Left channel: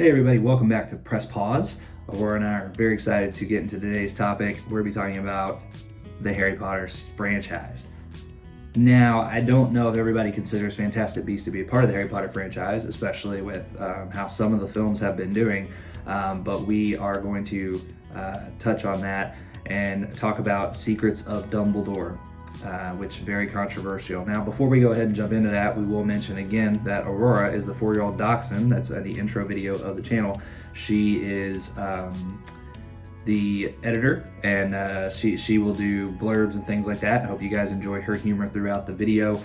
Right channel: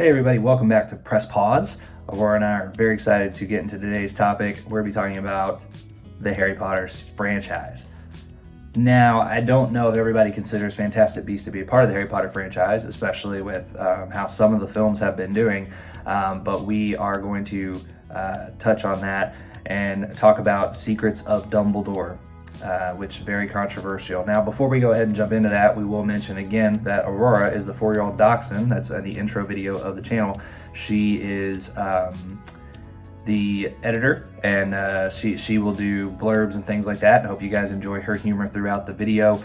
Hey everybody, welcome back to Press Pause. Aurora and I are very excited to get into today's topic. We're going to be talking about the Harry Potter franchise. Now, I don't know if everybody considers Fantastic Beasts to be a part of the Harry Potter franchise, especially with how some of the films have been doing, but we are going to touch on that and talk about Secrets of Dumbledore, which is very controversial. Now, before we go ahead and jump into that, we will mention again that Aurora is the 4-year-old dachshund. That's the intro video of the channel. She is the editor, and she will do blurbs and things like that. I hope you guys enjoy her humor throughout the video.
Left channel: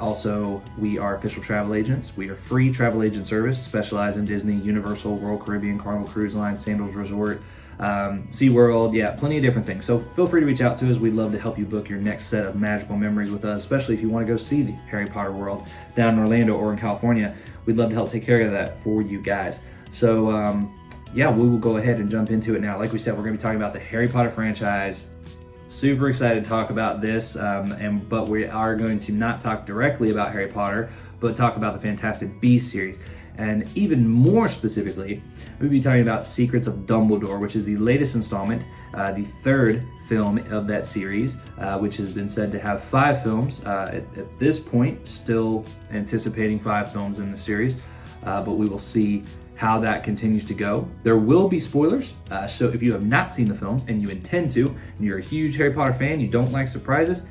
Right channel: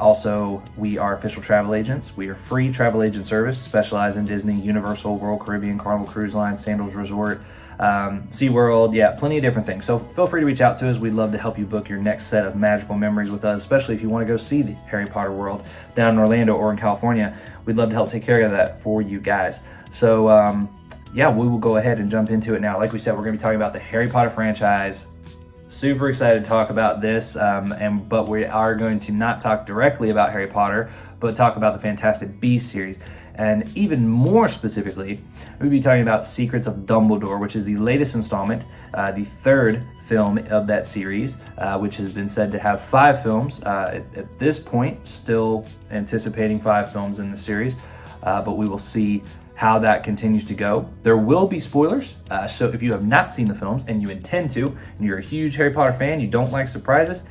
Also, we are official travel agents. We are free travel agent service, specialize in Disney, Universal, Royal Caribbean, Carnival Cruise Line, Sandals Resort, SeaWorld, yeah, plenty of different things. So feel free to reach out to us. We'd love to help you book your next set of magical memories with us, especially if you want to go see the Harry Potter world down in Orlando or in California. We'd love to help take care of that for you guys. So yeah, we will go ahead and jump into it now. Like we said, we're going to be talking about the Harry Potter franchise. Super excited to talk about this, but we are going to not talk directly about Harry Potter, but talk about the Fantastic Beasts series. And even more specifically, we'll be talking about Secrets of Dumbledore, which is the latest installment, the third film of that series, which has been said to have 5 films. At this point, still anticipating 5 films in the series, but we will see how that continues to go. There will be spoilers, so if you have not seen the films and you intend to, and you're a huge Harry Potter fan, you don't like surprises,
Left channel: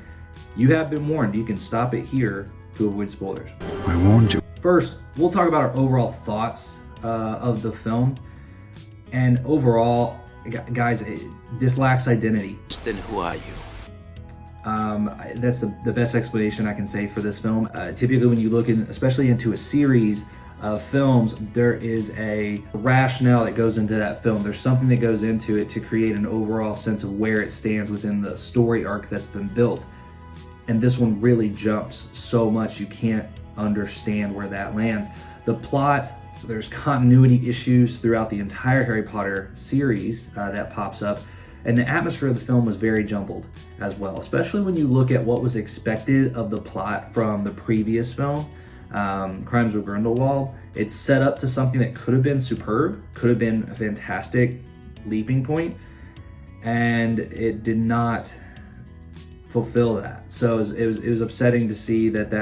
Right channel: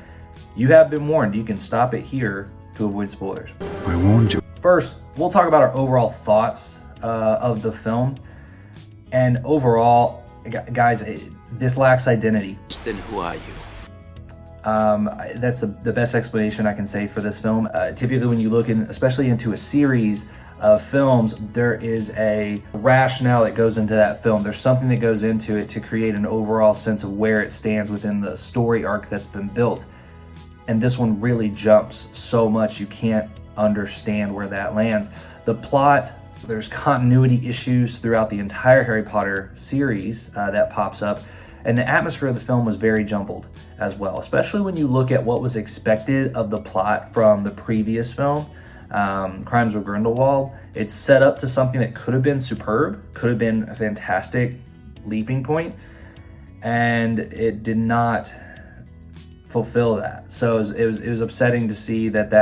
you have been warned. You can stop it here to avoid spoilers. I warned you. First, we'll talk about our overall thoughts of the film. And overall, guys, this lacks identity. Then who are you? That's the best explanation I can say for this film. Typically when you look in, especially into a series of films, there is a rationale that goes into that film. There's something that goes into it to create an overall sense of where it stands within the story arc that's been built. And this one really jumps so much you can't understand where that lands. The plot, there's continuity issues throughout the entire Harry Potter series that pops up, and the atmosphere of the film was very jumbled as well, especially when you look at what was expected of the plot from the previous film, Crimes of Grindelwald. It's set up to something that could have been superb, could have been a fantastic leaping point, and it did not fulfill that. So it was upsetting to see that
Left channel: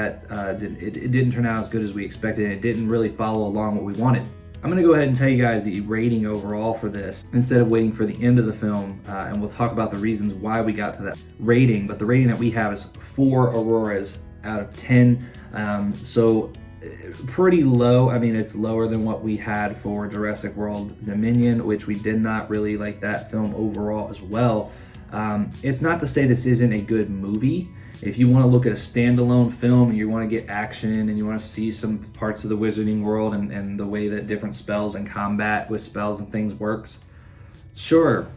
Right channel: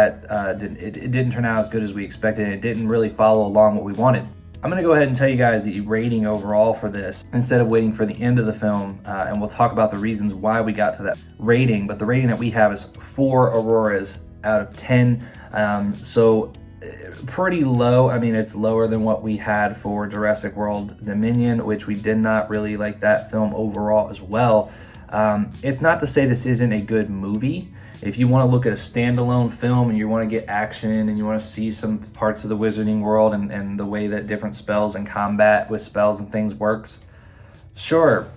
it didn't turn out as good as we expected, and it didn't really follow along what we wanted. I'm gonna go ahead and tell you guys the rating overall for this instead of waiting for the end of the film, and we'll talk about the reasons why we got to that rating. But the rating that we have is 4 Auroras out of 10. So pretty low. I mean, it's lower than what we had for Jurassic World Dominion, which we did not really like that film overall as well. It's not to say this isn't a good movie. If you want to look at a standalone film and you want to get action and you want to see some parts of the wizarding world and the way that different spells and combat with spells and things works, sure,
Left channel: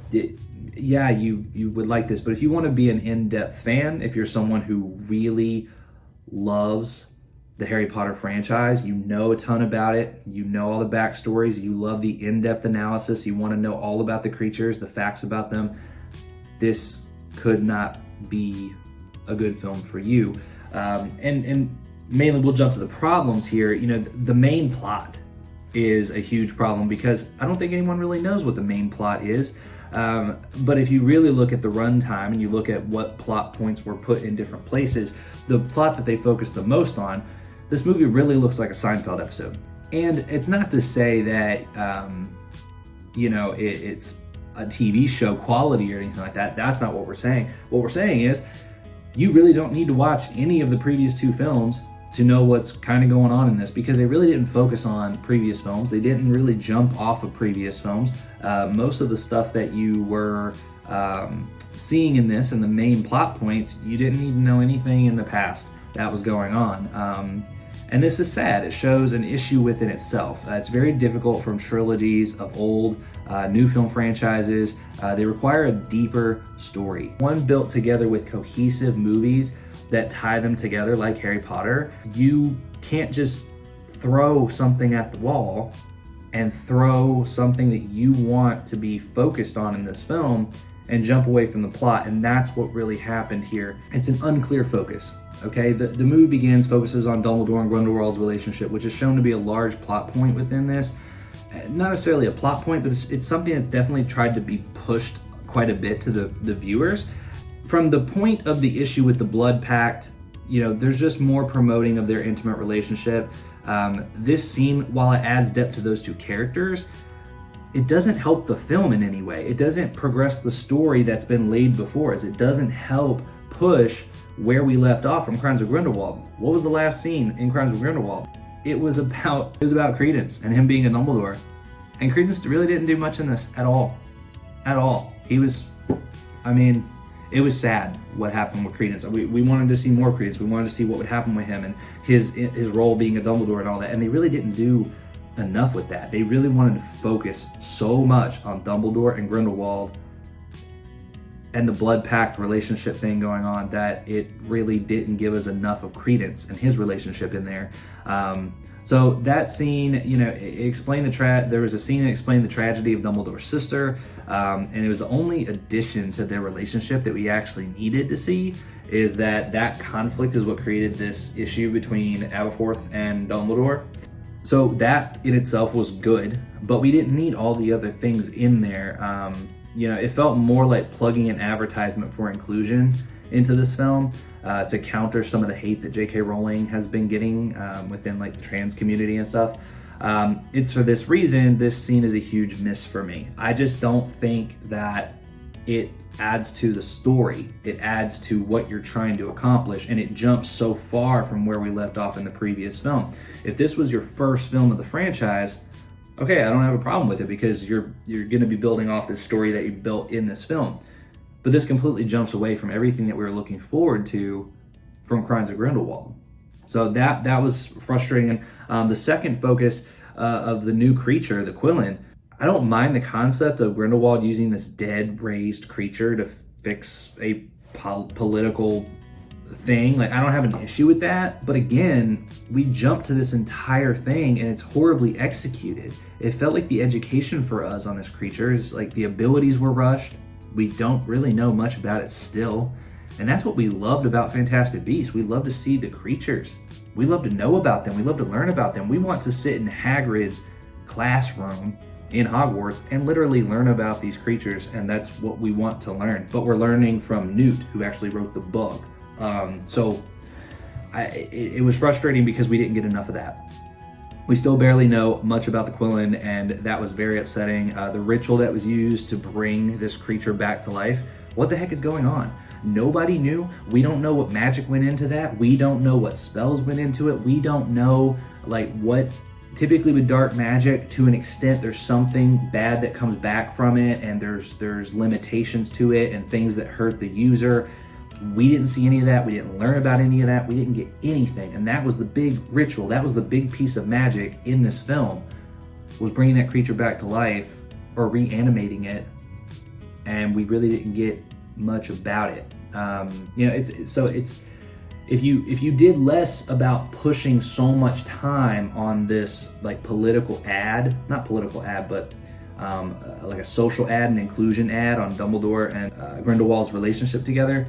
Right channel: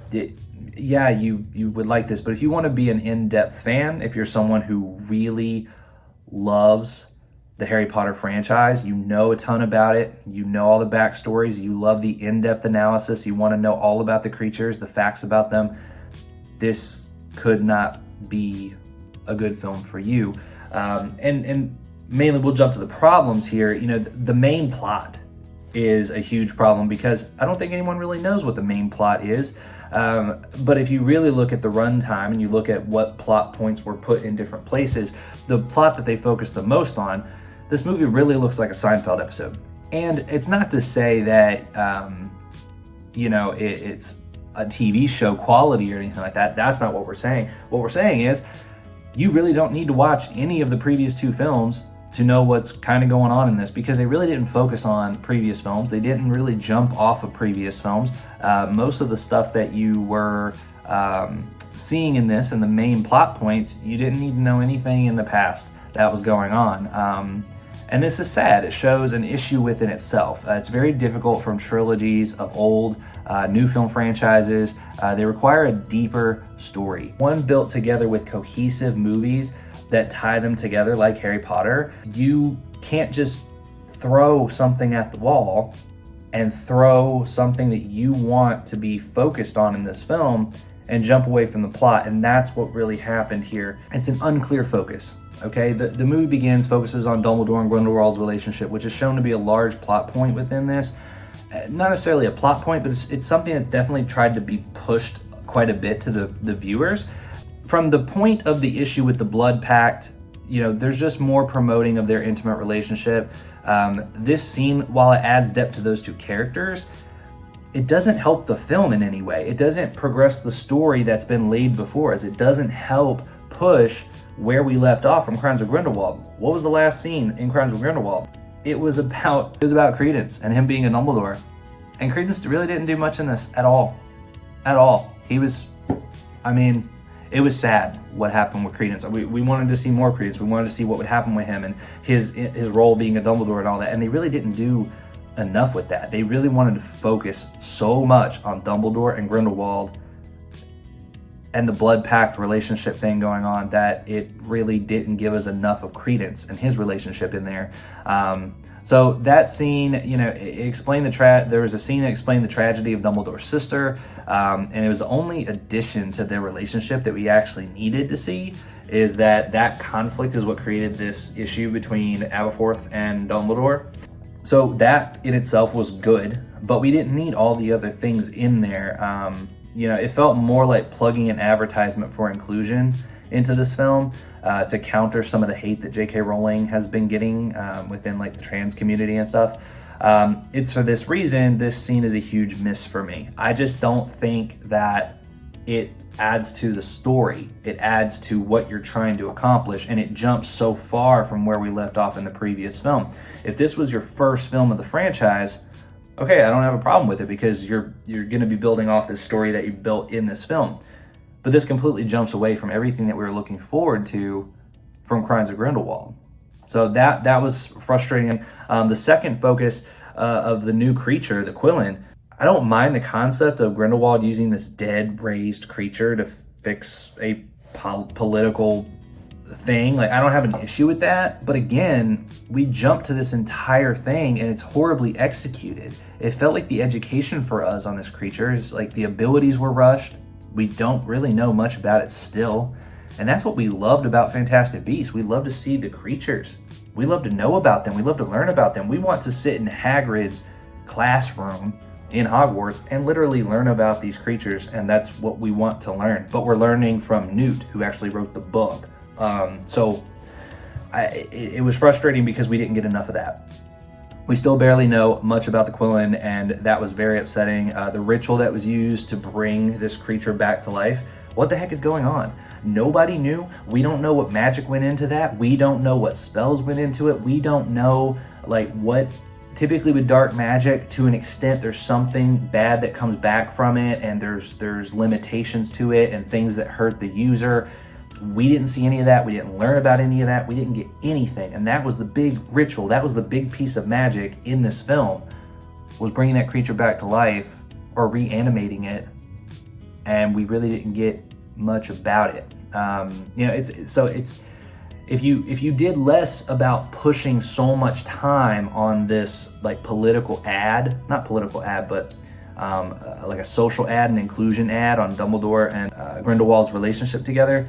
yeah, you would like this. But if you want to be an in-depth fan, if you're someone who really loves the Harry Potter franchise, you know a ton about it, you know all the backstories, you love the in-depth analysis, you want to know all about the creatures, the facts about them, this could not be a good film for you. And mainly we'll jump to the problems here. You know, the main plot is a huge problem because I don't think anyone really knows what the main plot is. But if you really look at the runtime and you look at what plot points were put in different places, the plot that they focus the most on, this movie really looks like a Seinfeld episode. And it's not to say that, you know, it's a TV show quality or anything like that. That's not what we're saying. What we're saying is you really don't need to watch any of the previous 2 films to know what's kind of going on in this, because they really didn't focus on previous films. They didn't really jump off of previous films. Most of the stuff that you were seeing in this and the main plot points, you didn't need to know anything in the past that was going on. And this is sad. It shows an issue within itself. It's very difficult from trilogies of old, new film franchises. They require a deeper story. One built together with cohesive movies that tie them together like Harry Potter. You can't just throw something at the wall and throw something that you want to be focused on in this film and jump away from the plot, and that's what really happened here. It's an unclear focus, okay? The movie focuses on Dumbledore and Grindelwald's relationship, which is shown to be a large plot point within this, not necessarily a plot point, but it's something that's definitely tried to be pushed quite a bit to the viewers. From the point of the issue with the blood pact, there's just more promoting of their intimate relationship. This scene, while it adds depth to those two characters, it doesn't help the film in any way. It doesn't progress the story that's been laid before us. It doesn't help push where we left off from Crimes of Grindelwald. What was the last scene in Crimes of Grindelwald? It was about Credence and him being a Dumbledore. And Credence really didn't do much in this at all. At all. It was sad what happened with Credence. We wanted to see more Credence. We wanted to see what would happen with him and his role being a Dumbledore and all that. And they really didn't do enough with that. They really wanted to focus so much on Dumbledore and Grindelwald and the blood pact relationship thing going on that it really didn't give us enough of Credence and his relationship in there. So that scene, it explained there was a scene that explained the tragedy of Dumbledore's sister, and it was the only addition to their relationship that we actually needed to see, is that conflict is what created this issue between Aberforth and Dumbledore. So that in itself was good, but we didn't need all the other things in there. It felt more like plugging an advertisement for inclusion into this film to counter some of the hate that J.K. Rowling has been getting within like the trans community and stuff. It's for this reason, this scene is a huge miss for me. I just don't think that it adds to the story. It adds to what you're trying to accomplish, and it jumps so far from where we left off in the previous film. If this was your first film of the franchise, okay, I don't have a problem with it because you're going to be building off this story that you built in this film. But this completely jumps away from everything that we were looking forward to from Crimes of Grindelwald. So that was frustrating. The second focus of the new creature, the Quillen, I don't mind the concept of Grindelwald using this dead, raised creature to fix a political thing. Like, I don't have an issue with that. But again, we jumped to this entire thing and it's horribly executed. It felt like the education for us on this creature is like the abilities were rushed. We don't really know much about it still. And that's what we loved about Fantastic Beasts. We love to see the creatures. We love to know about them. We love to learn about them. We want to sit in Hagrid's classroom in Hogwarts and literally learn about these creatures, and that's what we want to learn. But we're learning from Newt, who actually wrote the book. It was frustrating because we didn't get enough of that. We still barely know much about the Quillen, and that was very upsetting. The ritual that was used to bring this creature back to life, what the heck is going on? Nobody knew. We don't know what magic went into that. We don't know what spells went into it. We don't know what. Typically with dark magic, to an extent, there's something bad that comes back from it, and there's limitations to it and things that hurt the user. We didn't see any of that. We didn't learn about any of that. We didn't get anything. And that was the big ritual. That was the big piece of magic in this film, was bringing that creature back to life or reanimating it. And we really didn't get much about it. If you did less about pushing so much time on this political ad, not political ad, but like a social ad and inclusion ad on Dumbledore and Grindelwald's relationship together,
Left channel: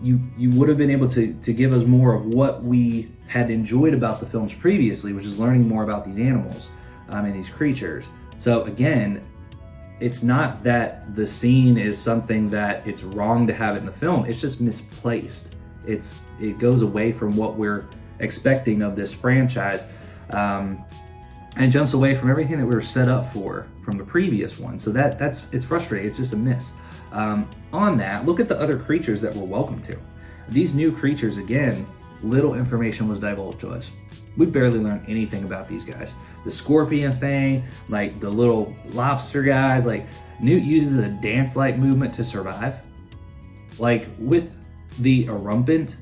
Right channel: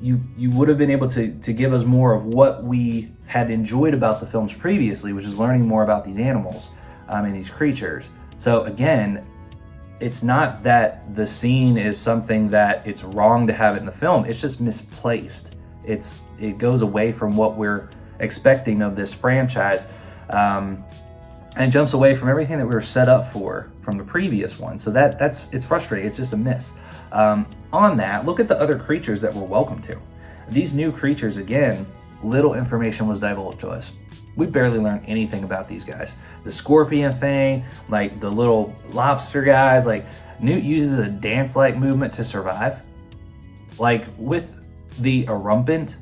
you would have been able to give us more of what we had enjoyed about the films previously, which is learning more about these animals and these creatures. So again, it's not that the scene is something that it's wrong to have it in the film, it's just misplaced. It goes away from what we're expecting of this franchise, and jumps away from everything that we were set up for from the previous one. So it's frustrating. It's just a miss. On that, look at the other creatures that we're welcome to. These new creatures, again, little information was divulged to us. We barely learned anything about these guys. The scorpion thing, like the little lobster guys, like Newt uses a dance-like movement to survive. Like with the Erumpent,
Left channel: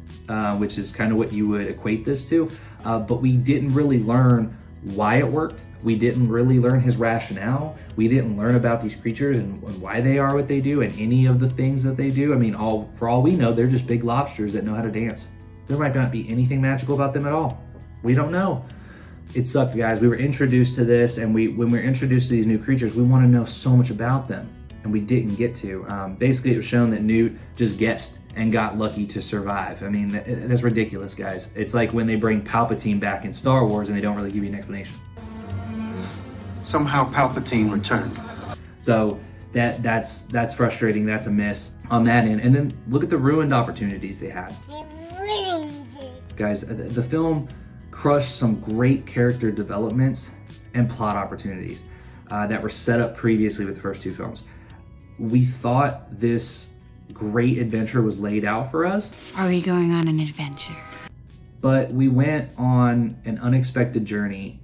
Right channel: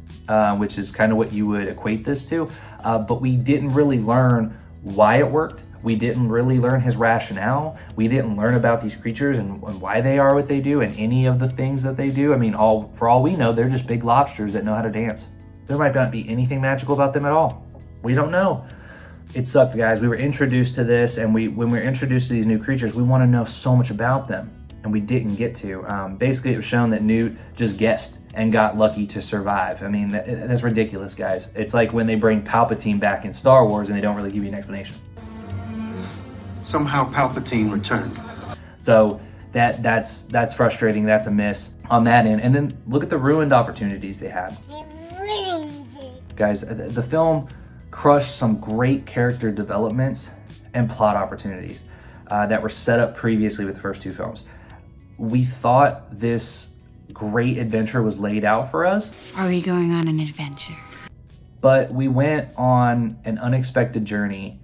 which is kind of what you would equate this to, but we didn't really learn why it worked. We didn't really learn his rationale. We didn't learn about these creatures and why they are what they do and any of the things that they do. I mean, for all we know, they're just big lobsters that know how to dance. There might not be anything magical about them at all. We don't know. It sucked, guys. We were introduced to this, and when we were introduced to these new creatures, we want to know so much about them, and we didn't get to. Basically, it was shown that Newt just guessed and got lucky to survive. I mean, that's ridiculous, guys. It's like when they bring Palpatine back in Star Wars and they don't really give you an explanation. Somehow Palpatine returned. So that's frustrating. That's a miss on that end. And then look at the ruined opportunities they had. Guys, the film crushed some great character developments and plot opportunities that were set up previously with the first two films. We thought this great adventure was laid out for us. Are we going on an adventure? But we went on an unexpected journey,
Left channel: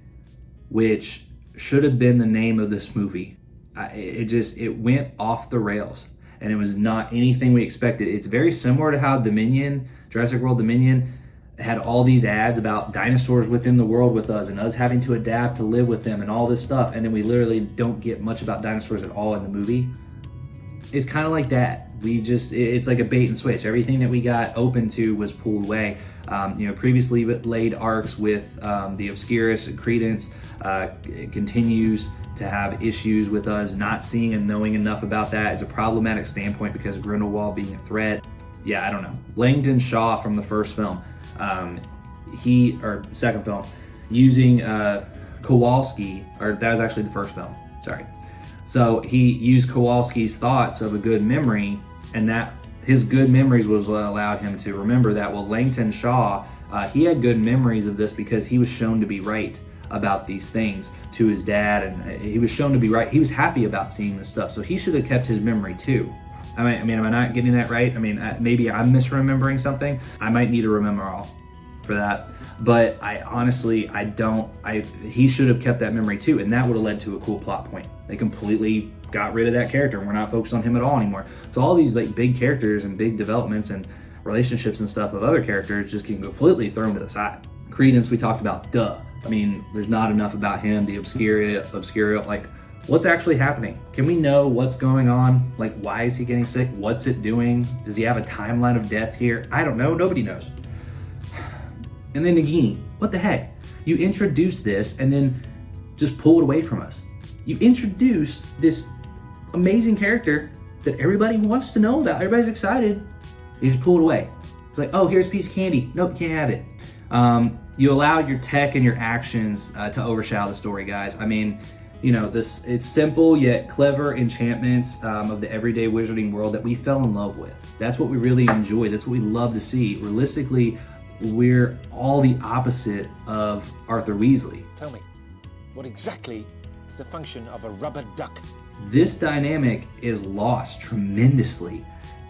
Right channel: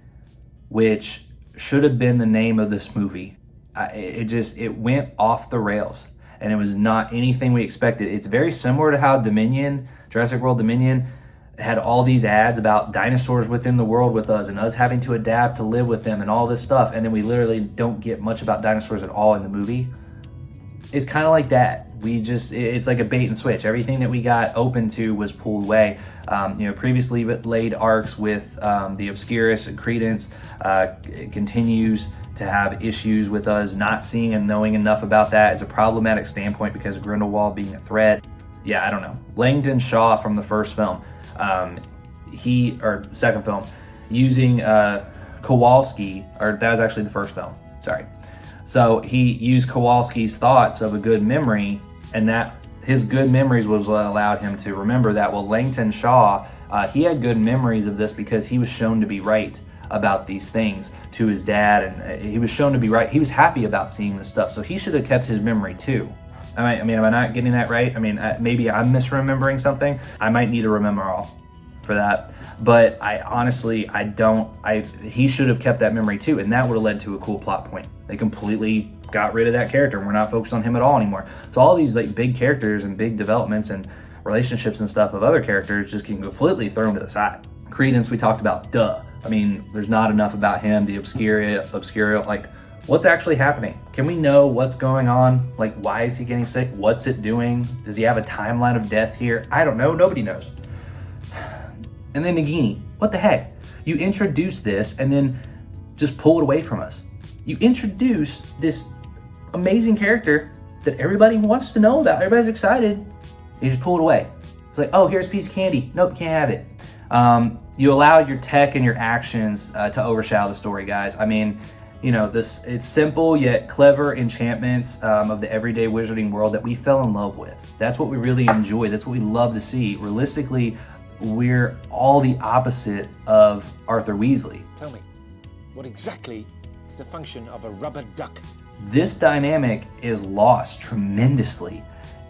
which should have been the name of this movie. It went off the rails, and it was not anything we expected. It's very similar to how Jurassic World Dominion, had all these ads about dinosaurs within the world with us and us having to adapt to live with them and all this stuff, and then we literally don't get much about dinosaurs at all in the movie. It's kind of like that. It's like a bait and switch. Everything that we got open to was pulled away. Previously laid arcs with the Obscurus and Credence continues to have issues with us not seeing and knowing enough about that as a problematic standpoint because of Grindelwald being a threat. Yeah, I don't know. Langdon Shaw from the first film, second film, using Kowalski, or that was actually the first film, sorry. So he used Kowalski's thoughts of a good memory, and that his good memories was what allowed him to remember that. Well, Langdon Shaw, he had good memories of this because he was shown to be right about these things to his dad, and he was shown to be right. He was happy about seeing this stuff, so he should have kept his memory too. I mean, am I not getting that right? I mean, maybe I'm misremembering something. I might need to remember all for that. But I honestly, he should have kept that memory too, and that would have led to a cool plot point. They completely got rid of that character. We're not focused on him at all anymore. So all these like big characters and big developments and relationships and stuff of other characters just getting completely thrown to the side. Credence, we talked about, duh. I mean, there's not enough about him, the Obscura, like, what's actually happening? Can we know what's going on? Like, why is he getting sick? What's it doing? Does he have a timeline of death here? I don't know. Nobody knows. And then Nagini, what the heck? You introduce this and then just pull it away from us. You introduce this amazing character that everybody wants to know about. Everybody's excited. You just pull it away. It's like, oh, here's a piece of candy. Nope, can't have it. You allow your tech and your actions to overshadow the story, guys. I mean, it's simple yet clever enchantments of the everyday wizarding world that we fell in love with. That's what we really enjoy. That's what we love to see. Realistically, we're all the opposite of Arthur Weasley. Tell me, what exactly is the function of a rubber duck? This dynamic is lost tremendously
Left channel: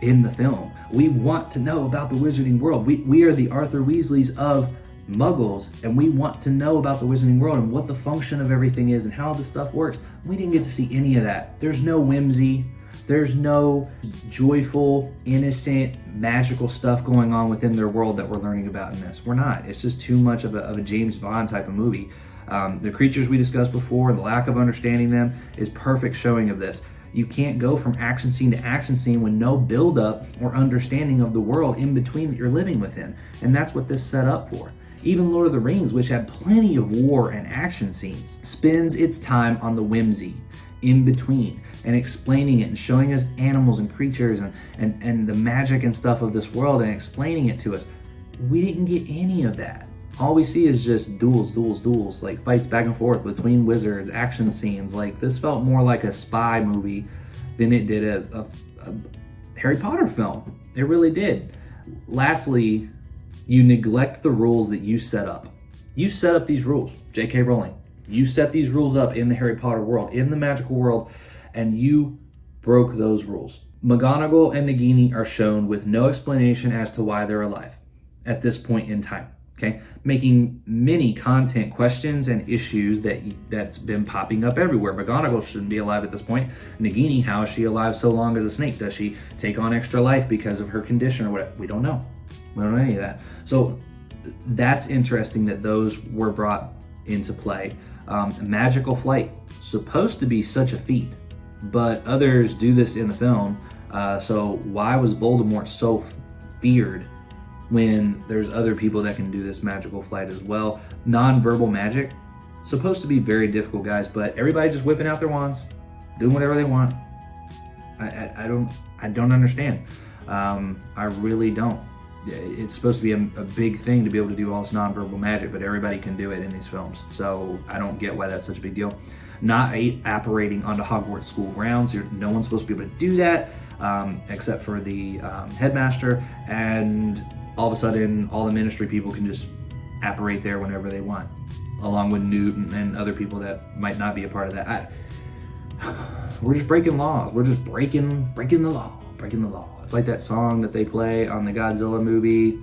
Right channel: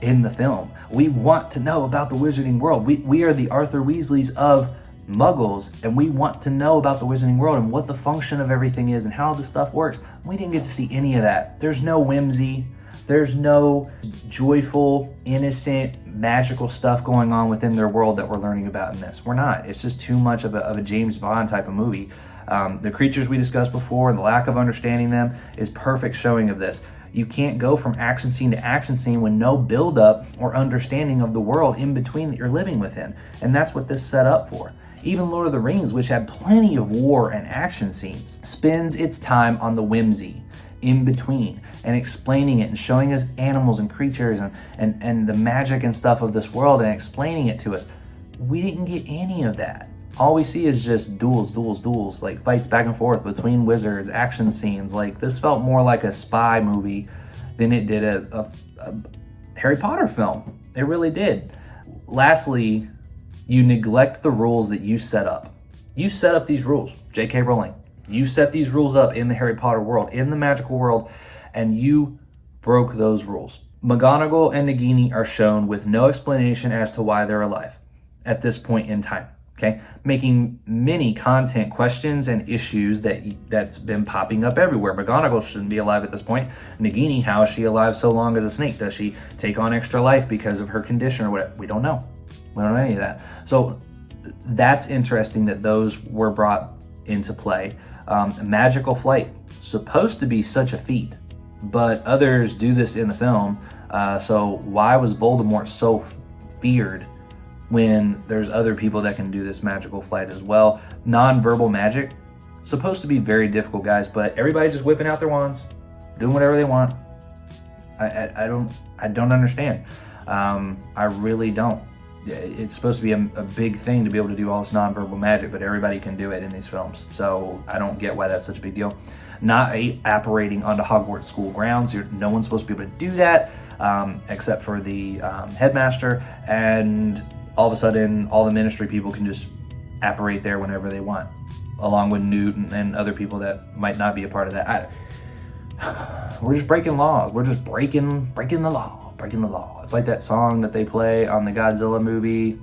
in the film. We want to know about the wizarding world. We are the Arthur Weasleys of Muggles, and we want to know about the wizarding world and what the function of everything is and how this stuff works. We didn't get to see any of that. There's no whimsy. There's no joyful, innocent, magical stuff going on within their world that we're learning about in this. We're not. It's just too much of a James Bond type of movie. The creatures we discussed before and the lack of understanding them is perfect showing of this. You can't go from action scene to action scene with no build-up or understanding of the world in between that you're living within. And that's what this set up for. Even Lord of the Rings, which had plenty of war and action scenes, spends its time on the whimsy in between and explaining it and showing us animals and creatures and the magic and stuff of this world and explaining it to us. We didn't get any of that. All we see is just duels, like fights back and forth between wizards, action scenes. Like, this felt more like a spy movie than it did a Harry Potter film. It really did. Lastly, you neglect the rules that you set up. You set up these rules, J.K. Rowling. You set these rules up in the Harry Potter world, in the magical world, and you broke those rules. McGonagall and Nagini are shown with no explanation as to why they're alive at this point in time. Okay, making many content questions and issues that's been popping up everywhere. McGonagall shouldn't be alive at this point. Nagini, how is she alive so long as a snake? Does she take on extra life because of her condition or whatever? We don't know. We don't know any of that. So that's interesting that those were brought into play. Magical flight, supposed to be such a feat, but others do this in the film. So why was Voldemort so feared when there's other people that can do this magical flight as well? Non-verbal magic, supposed to be very difficult, guys, but everybody's just whipping out their wands, doing whatever they want. I don't understand. I really don't. it's supposed to be a big thing to be able to do all this nonverbal magic, but everybody can do it in these films. So I don't get why that's such a big deal. Not apparating onto Hogwarts school grounds. No one's supposed to be able to do that except for the headmaster. And all of a sudden, all the ministry people can just apparate there whenever they want, along with Newt and other people that might not be a part of that. We're just breaking laws. We're just breaking the law. It's like that song that they play on the Godzilla movie.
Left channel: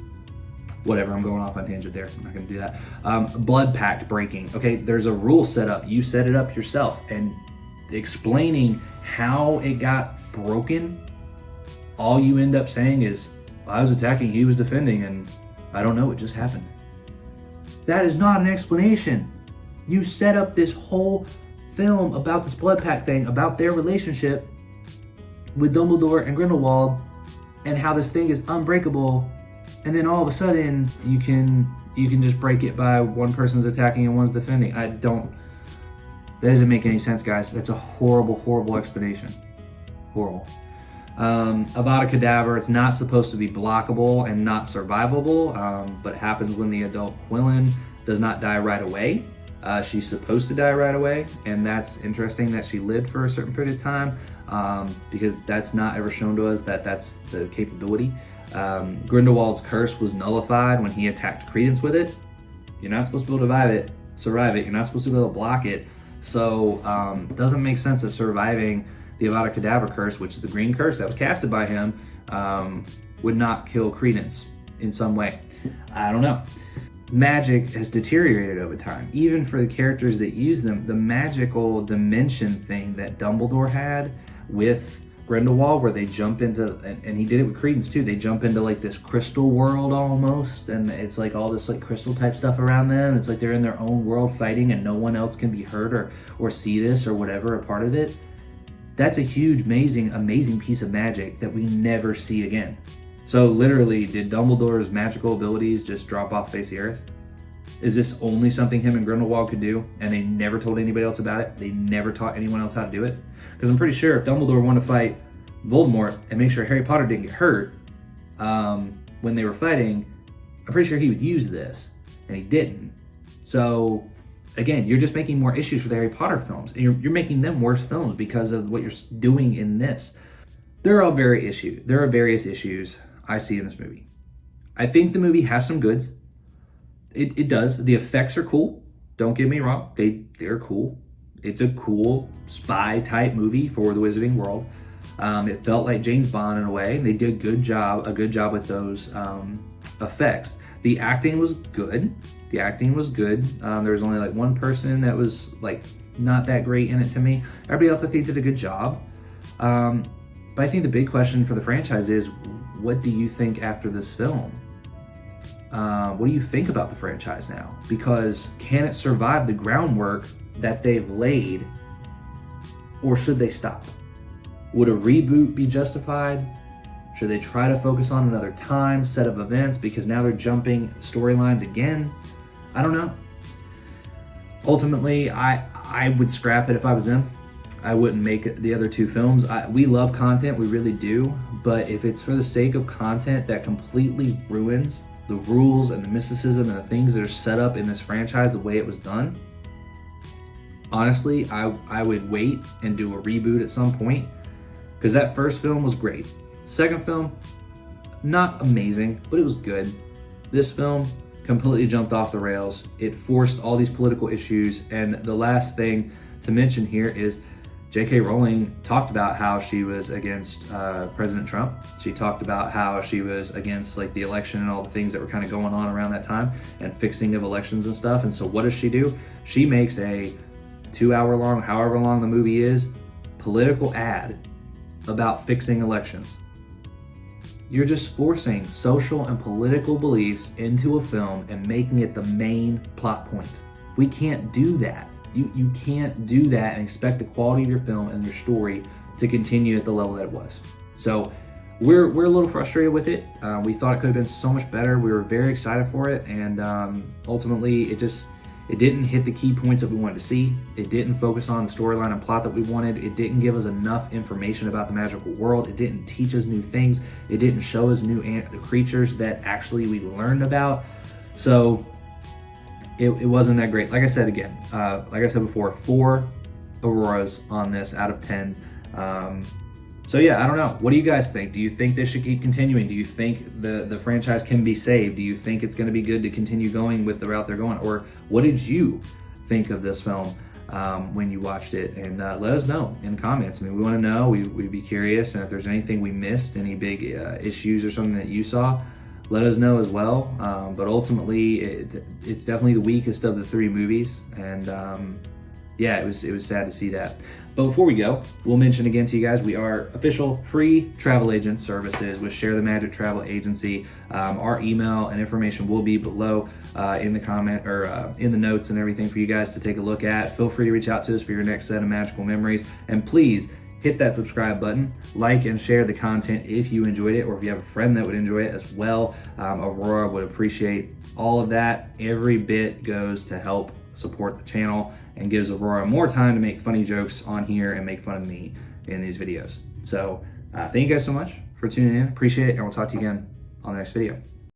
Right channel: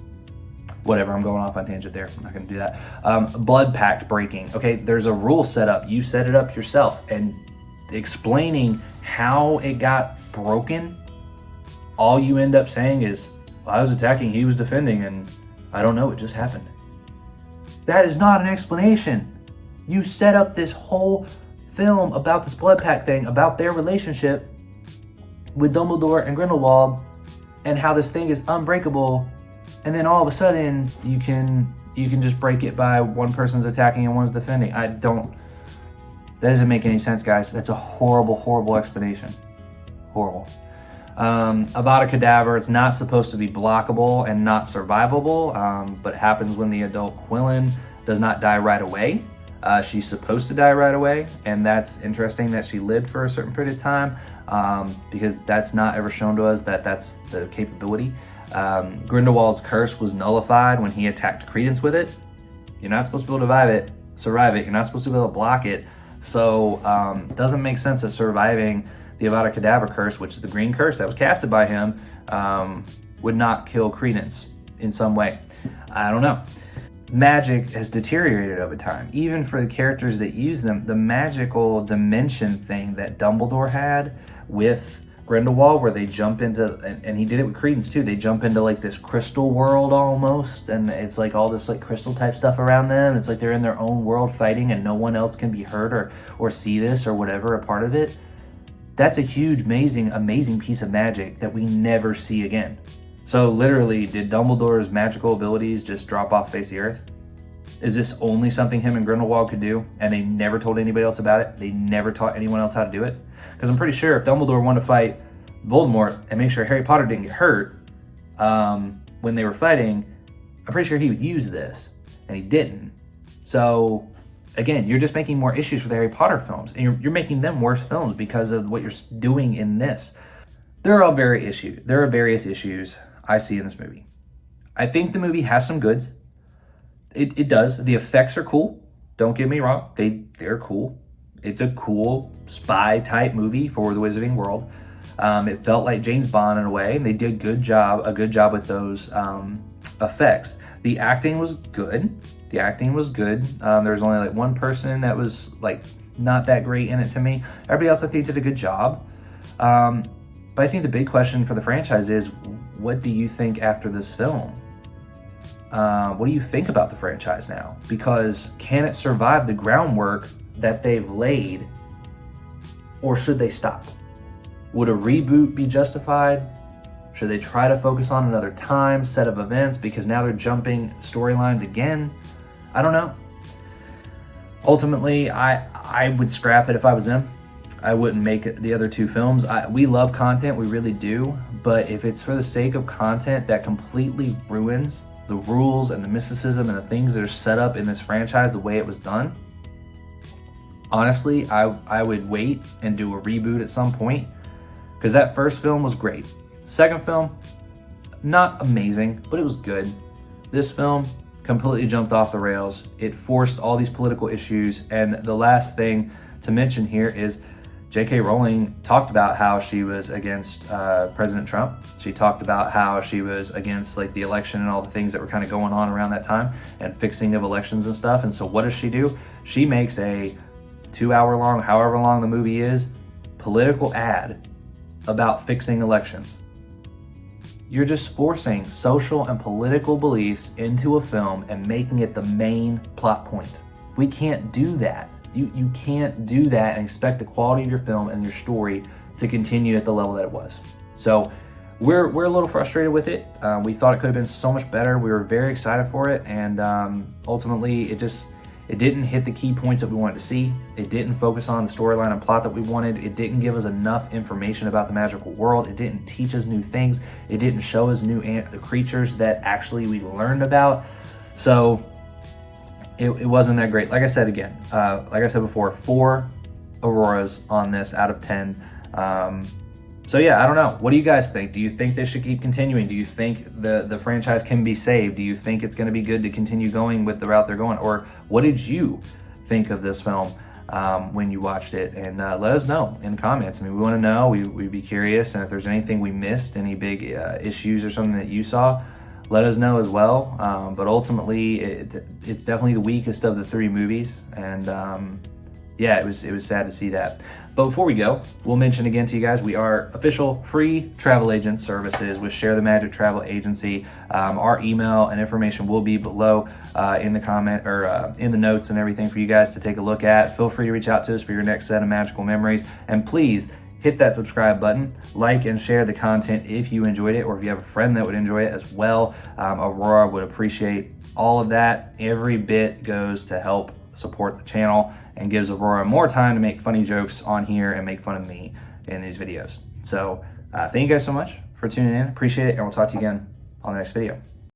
Whatever, I'm going off on tangent there. I'm not going to do that. Blood pact breaking. Okay, there's a rule set up. You set it up yourself. And explaining how it got broken, all you end up saying is, I was attacking, he was defending, and I don't know, it just happened. That is not an explanation. You set up this whole film about this blood pact thing, about their relationship with Dumbledore and Grindelwald, and how this thing is unbreakable, and then all of a sudden you can just break it by one person's attacking and one's defending. That doesn't make any sense, guys. That's a horrible explanation. Horrible. Avada Kedavra, it's not supposed to be blockable and not survivable, but it happens when the adult Quillen does not die right away. She's supposed to die right away, and that's interesting that she lived for a certain period of time, because that's not ever shown to us that that's the capability. Grindelwald's curse was nullified when he attacked Credence with it. You're not supposed to be able to survive it. You're not supposed to be able to block it. So it doesn't make sense that surviving the Avada Kedavra curse, which is the green curse that was casted by him, would not kill Credence in some way. I don't know. Magic has deteriorated over time. Even for the characters that use them, the magical dimension thing that Dumbledore had with Grindelwald, where they jump into, and he did it with Credence too, they jump into like this crystal world almost, and it's like all this like crystal type stuff around them. It's like they're in their own world fighting and no one else can be hurt or see this or whatever, a part of it. That's a huge, amazing piece of magic that we never see again. So literally, did Dumbledore's magical abilities just drop off the face of the earth? Is this only something him and Grindelwald could do, and they never told anybody else about it? They never taught anyone else how to do it? Because I'm pretty sure if Dumbledore wanted to fight Voldemort and make sure Harry Potter didn't get hurt when they were fighting, I'm pretty sure he would use this, and he didn't. So again, you're just making more issues for the Harry Potter films, and you're making them worse films because of what you're doing in this. There are various issues I see in this movie. I think the movie has some goods. It does. The effects are cool. Don't get me wrong. They're cool. It's a cool spy type movie for the Wizarding World. It felt like James Bond in a way. They did a good job with those effects. The acting was good. There was only like one person that was like not that great in it to me. Everybody else I think did a good job. But I think the big question for the franchise is, what do you think after this film? What do you think about the franchise now? Because can it survive the groundwork that they've laid, or should they stop? Would a reboot be justified? Should they try to focus on another time, set of events, because now they're jumping storylines again? I don't know. Ultimately, I would scrap it if I was them. I wouldn't make the other two films. We love content, we really do, but if it's for the sake of content that completely ruins the rules and the mysticism and the things that are set up in this franchise the way it was done, honestly, I would wait and do a reboot at some point, because that first film was great. Second film, not amazing, but it was good. This film completely jumped off the rails. It forced all these political issues, and the last thing to mention here is J.K. Rowling talked about how she was against President Trump. She talked about how she was against like the election and all the things that were kind of going on around that time and fixing of elections and stuff. And so what does she do? She makes a 2-hour long, however long the movie is, political ad about fixing elections. You're just forcing social and political beliefs into a film and making it the main plot point. We can't do that. You can't do that and expect the quality of your film and your story to continue at the level that it was. So we're a little frustrated with it. We thought it could have been so much better. We were very excited for it, and ultimately It didn't hit the key points that we wanted to see. It didn't focus on the storyline and plot that we wanted. It didn't give us enough information about the magical world. It didn't teach us new things. It didn't show us new creatures that actually we learned about. So it wasn't that great. Like I said again, like I said before, 4 Auroras on this out of 10. So yeah, I don't know. What do you guys think? Do you think they should keep continuing? Do you think the franchise can be saved? Do you think it's going to be good to continue going with the route they're going? Or what did you think of this film when you watched it? And let us know in comments. I mean, we want to know. We'd be curious. And if there's anything we missed, any big issues or something that you saw, let us know as well. But ultimately, it's definitely the weakest of the 3 movies. And yeah, it was sad to see that. But before we go, we'll mention again to you guys, we are official free travel agent services with Share the Magic Travel Agency. Our email and information will be below in the comment or in the notes and everything for you guys to take a look at. Feel free to reach out to us for your next set of magical memories. And please hit that subscribe button, like and share the content if you enjoyed it, or if you have a friend that would enjoy it as well. Aurora would appreciate all of that. Every bit goes to help support the channel and gives Aurora more time to make funny jokes on here and make fun of me in these videos. So thank you guys so much for tuning in. Appreciate it, and we'll talk to you again on the next video.